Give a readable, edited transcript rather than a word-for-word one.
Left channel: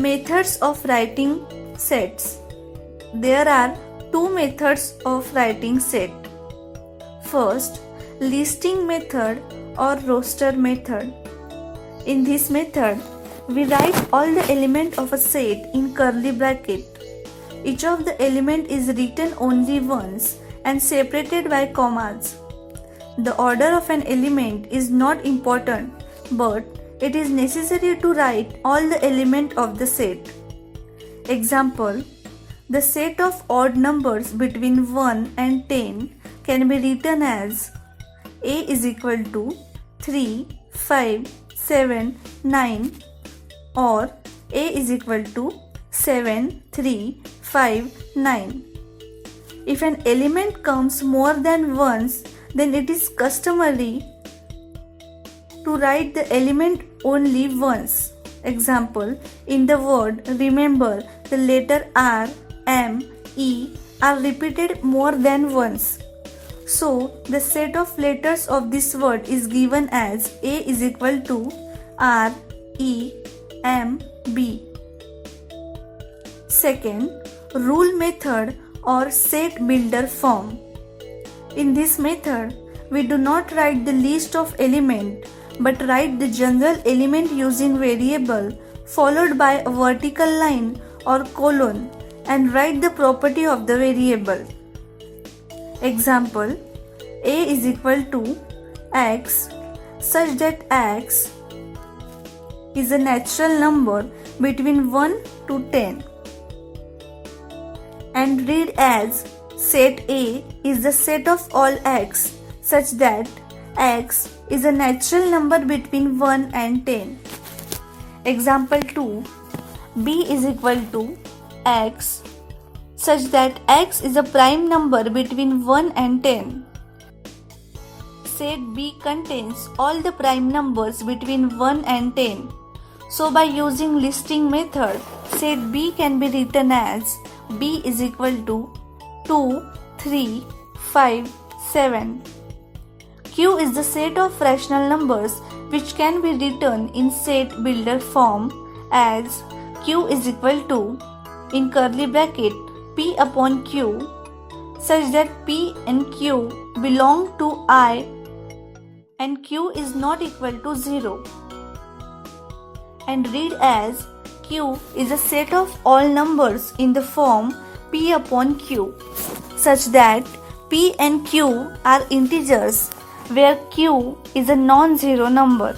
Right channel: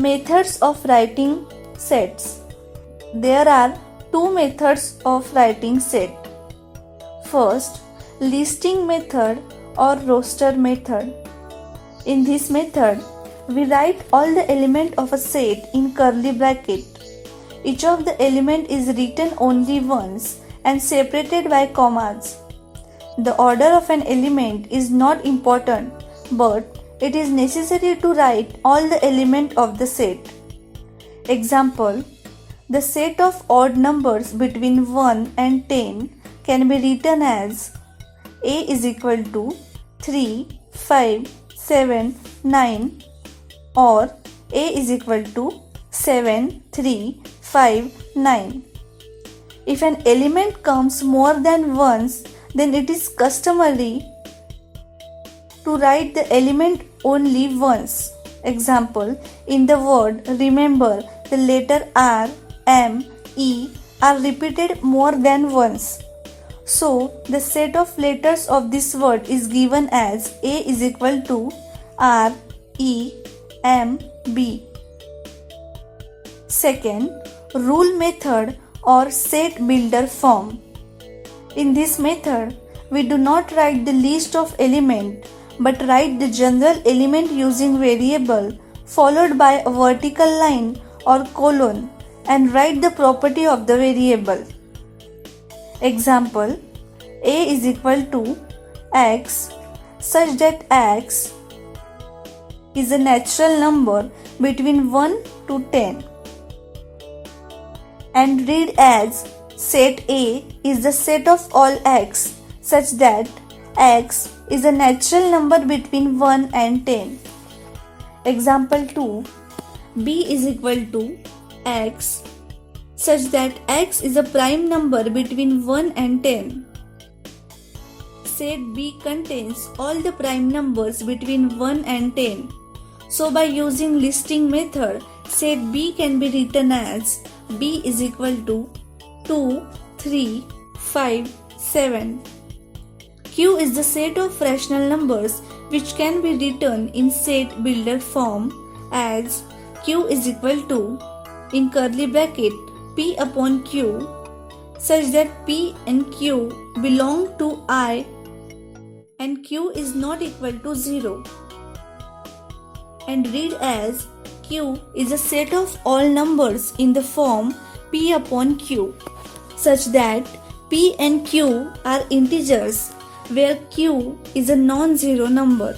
Methods of writing sets. There are two methods of writing set. First, listing method or roster method. In this method, we write all the elements of a set in curly bracket. Each of the element is written only once and separated by commas. The order of an element is not important, but it is necessary to write all the elements of the set. Example: the set of odd numbers between 1 and 10 can be written as A is equal to 3, 5, 7, 9 or A is equal to 7, 3, 5, 9. If an element comes more than once, then it is customary to write the element only once. Example: in the word remember, the letter R, M, E are repeated more than once. So, the set of letters of this word is given as A is equal to R, E, M, B. Second, rule method or set builder form. In this method, we do not write the list of elements but write the general element using variable followed by a vertical line or colon and write the property of the variable. Example: A is equal to x such that x is a natural number between 1 to 10, and read as set A is the set of all x such that x is a natural number between 1 and 10. Example 2: B is equal to x such that x is a prime number between 1 and 10. Set B contains all the prime numbers between 1 and 10. So by using listing method, set B can be written as B is equal to 2, 3, 5, 7. Q is the set of rational numbers which can be written in set builder form as Q is equal to, in curly bracket, P upon Q such that P and Q belong to I and Q is not equal to 0, and read as Q is a set of all numbers in the form P upon Q such that P and Q are integers where Q is a non-zero number.